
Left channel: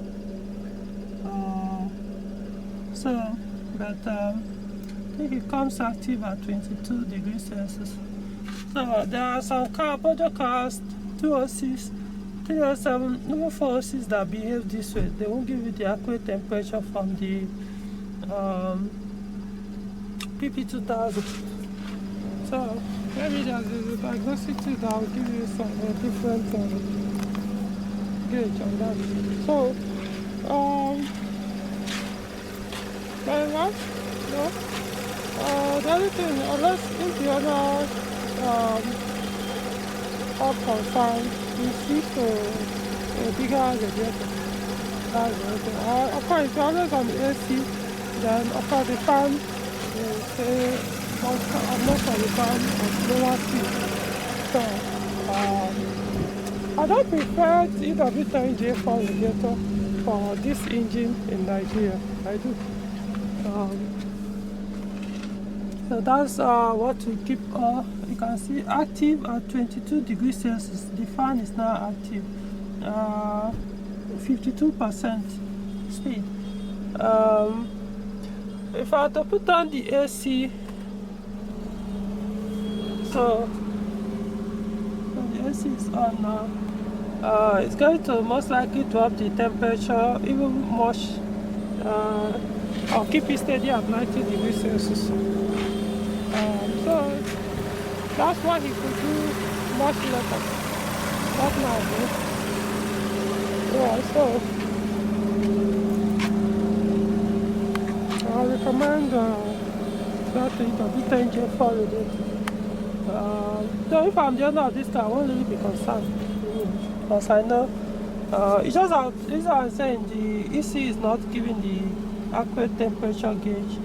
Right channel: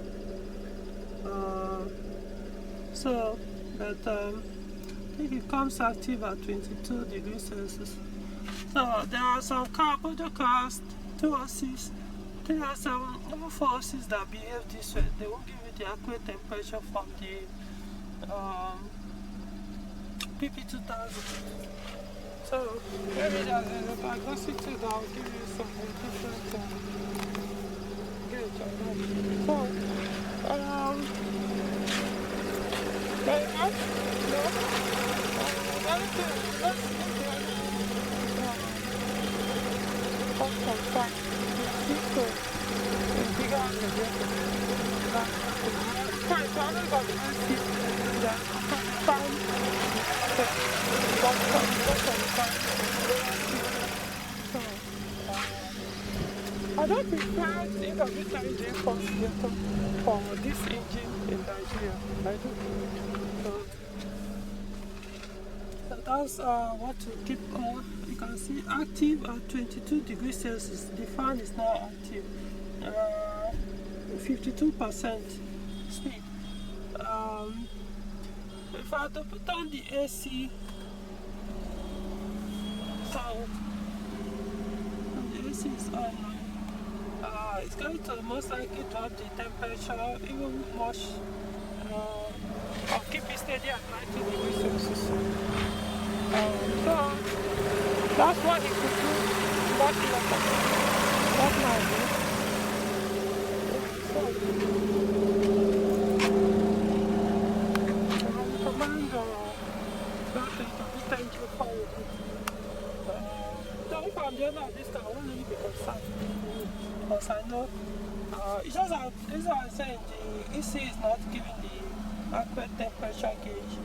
I think it comes active at 22 degrees Celsius. So there are some Peugeot cars, 206, 307, even 406 that behave this way. They won't give you the accurate temperature from the PP2000. So maybe there's a diagnostic tool that will give you some different gauge on that. So very much, no. The other thing, if the other part confirmed, you see to bigger radiator. That's the thing. Of course, it's always on the AC. Then of course the fan will stay most of the time at lower speed. So I don't prefer EW10J4 radiator for this engine in Nigeria. I do. So that's what we keep. You can see active at 22 degrees Celsius. The fan is now active. 52% speed. If I had to put on the AC, so the AC is on now. It's going to most likely drop the temperature even much. I'll keep it steady at 90 degrees Celsius. So that's what he could do much later. That's my idea. Yeah, so I recommend that EW10J4 radiator. So if I'm the owner of this car, I won't really be concerned. Because I know it's just that this is what I'm saying, the EC is not giving the accurate temperature gauge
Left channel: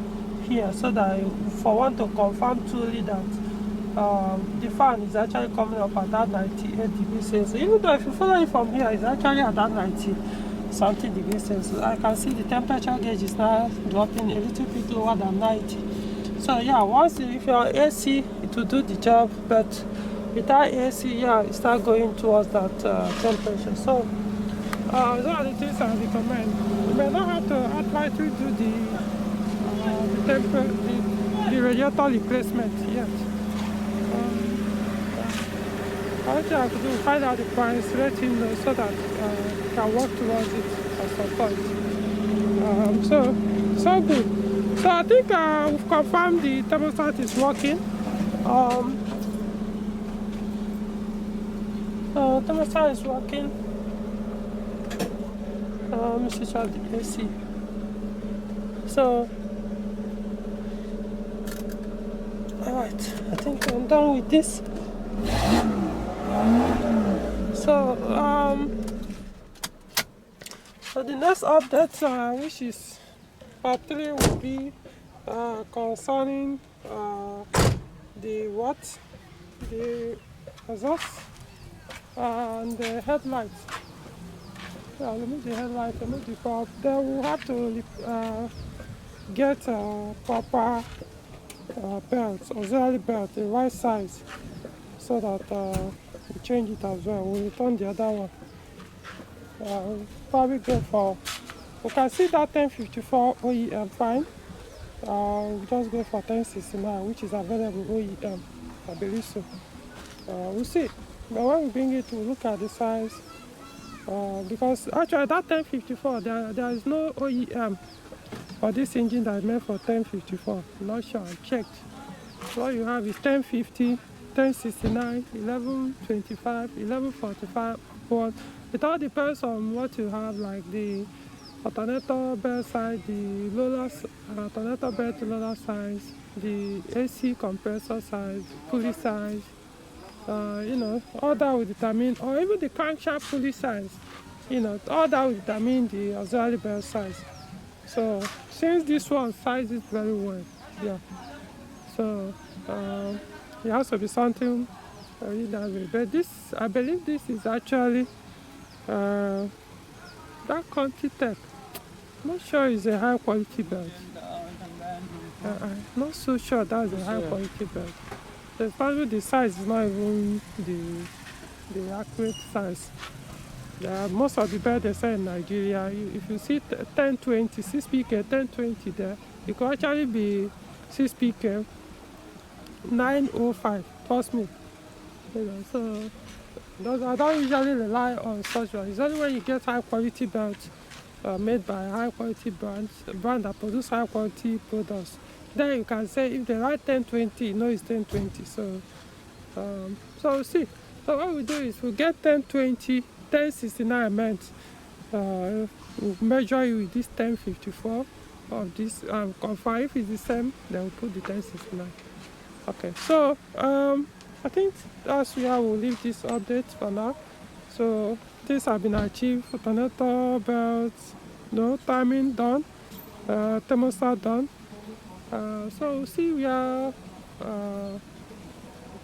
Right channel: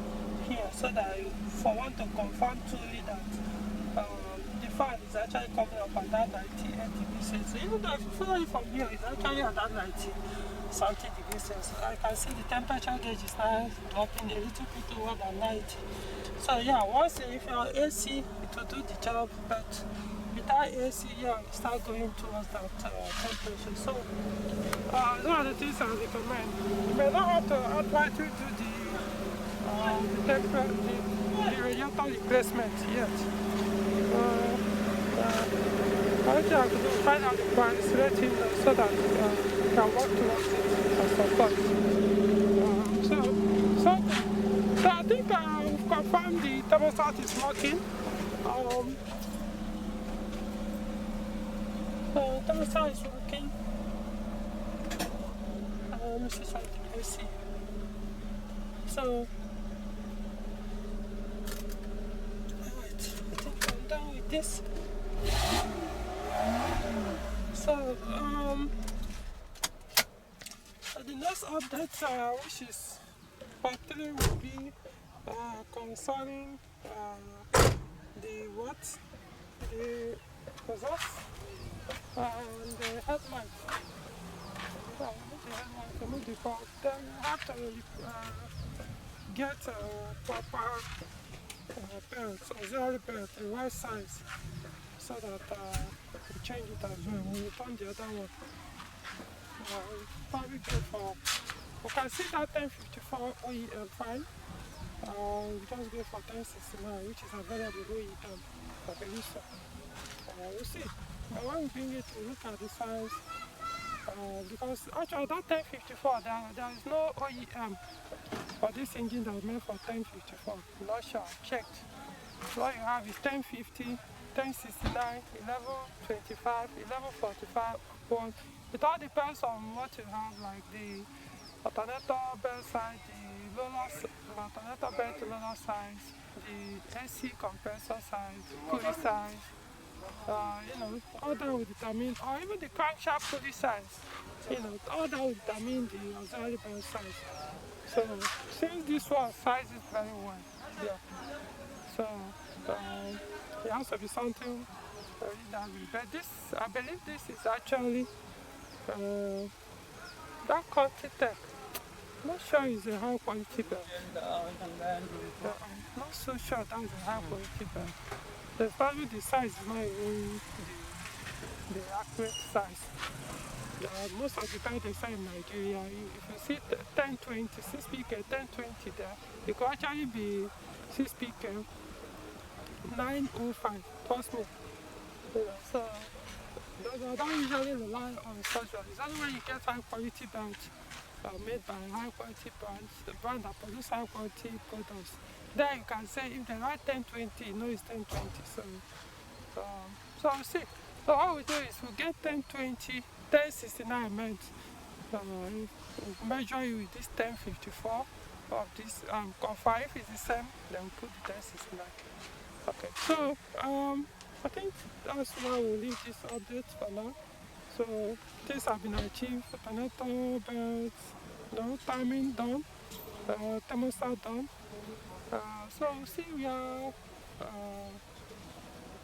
here, so that for one to confirm truly that the fan is actually coming up at that 98 degrees Celsius. Even though if you follow it from here, it's actually at that 90 something degrees Celsius. I can see the temperature gauge is now dropping a little bit lower than 90. So yeah, once if you're AC, it will do the job, but without AC, yeah, it start going towards that temperature. So those are the things I recommend. You may not have to outrightly do the radiator replacement yet. All you have to do is find out the price, let him know so that you can work towards it at some point. So good. So I think we've confirmed the thermostat is working. So thermostat is working. Let me switch out the AC. So, alright, I think I'm done with this. So the next update, which is part 3, will be concerning the exhaust and the headlights. Yeah, remove the headlight, remove the prop. Then we'll have to get proper belts, auxiliary belt, the right size, so that we change it as well. We'll return the other one. We'll probably go for, we can see that 1054 OEM fine. We'll just go for 1069, which is available OEM. I believe so. We'll see. But when we bring it, we'll look at the size. Because actually that 1054, there is no OEM for this engine that is meant for 1054. I'm not sure, I checked. So what you have is 1050, 1069, 1125, 1145, upward. It all depends on what you have, like the alternator belt size, the alternator belt roller size, the AC compressor size, pulley size. All that will determine, or even the crankshaft pulley size, all that will determine the auxiliary belt size. So since this one sizes very well, yeah, so it has to be something really that way. But this, I believe this is actually that Conti Tech. I'm not sure it's a high quality belt. I'm not so sure that's a high quality belt. Especially the size is not even the accurate size. Most of the belts they sell in Nigeria, if you see 1020, 6PK 1020 there, it could actually be 6PK 905, trust me. So I don't usually rely on such one. It's only when you get high quality belts made by high quality brands, brand that produce high quality products. Then you can say if they write 1020, you know it's 1020. So we'll see. So what we do is we get 1020, 1069 meant. We'll measure it with this 1054 of this confirm if it's the same, then we'll put the 1069. Okay, so I think that's where we'll leave this update for now. So things have been achieved. Alternator belts, timing done, thermostat done. So see where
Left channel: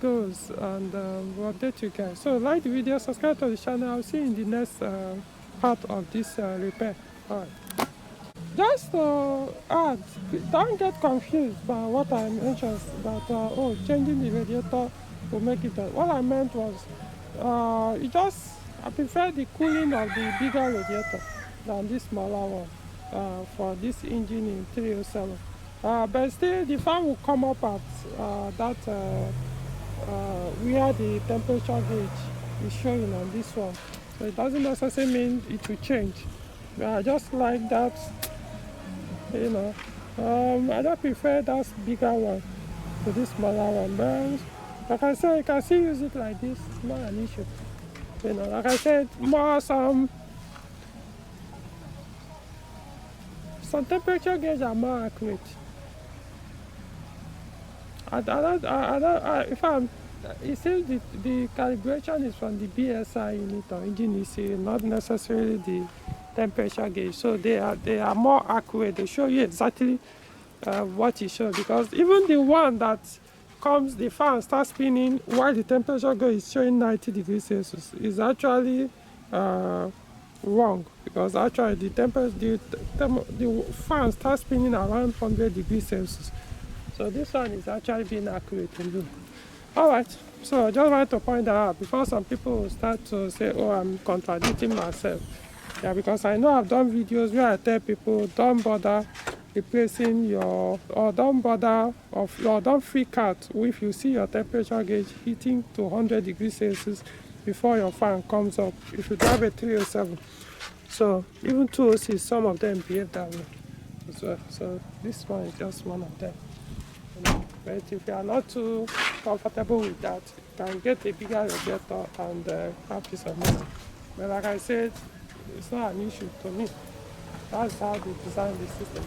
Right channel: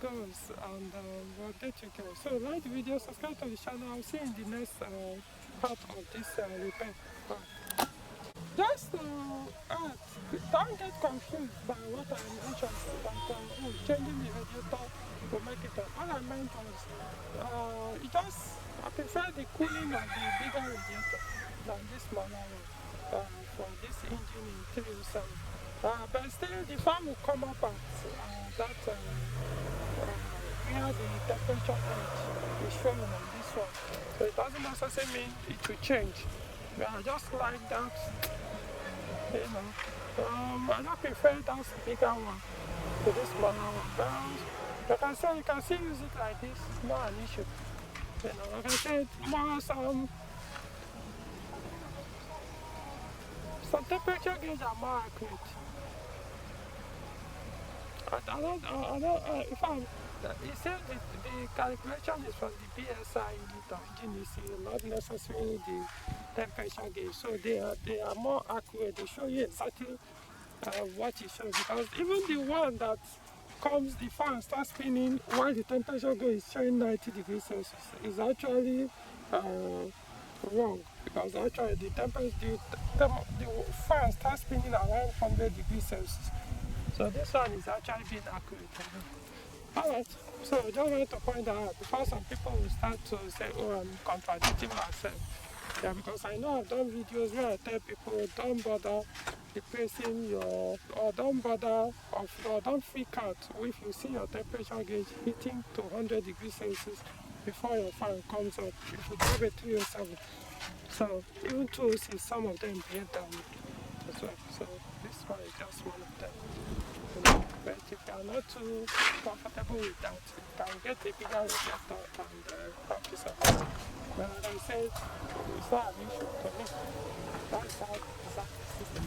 goes, and we'll update you guys. So like the video, subscribe to the channel. I'll see you in the next part of this repair. Alright. Just to add, don't get confused by what I mentioned that changing the radiator will make it done. What I meant was I prefer the cooling of the bigger radiator than this smaller one for this engine in 307. But still the fan will come up at that where the temperature gauge is showing on this one. So it doesn't necessarily mean it will change. But I just like that, I don't prefer that bigger one to this smaller one. But like I said, you can still use it like this, not an issue. Like I said, some temperature gauges are more accurate. It says the calibration is from the BSI unit or engine ECU, not necessarily the temperature gauge. So they are more accurate. They show you exactly what it shows, because even the one that comes, the fan starts spinning while the temperature gauge is showing 90 degrees Celsius is actually wrong, because actually the fan starts spinning around 100 degrees Celsius. So this one is actually being accurate in blue. Alright, so I just want to point that out before some people will start to say, oh, I'm contradicting myself. Yeah, because I know I've done videos where I tell people, don't bother replacing don't freak out if you see your temperature gauge hitting to 100 degrees Celsius before your fan comes up, if you drive a 307. So even 206, some of them behave that way as well. So this one is just one of them. But if you are not too comfortable with that, you can get a bigger radiator and have peace of mind. But like I said, it's not an issue to me. That's how they design the system.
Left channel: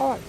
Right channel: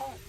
Alright.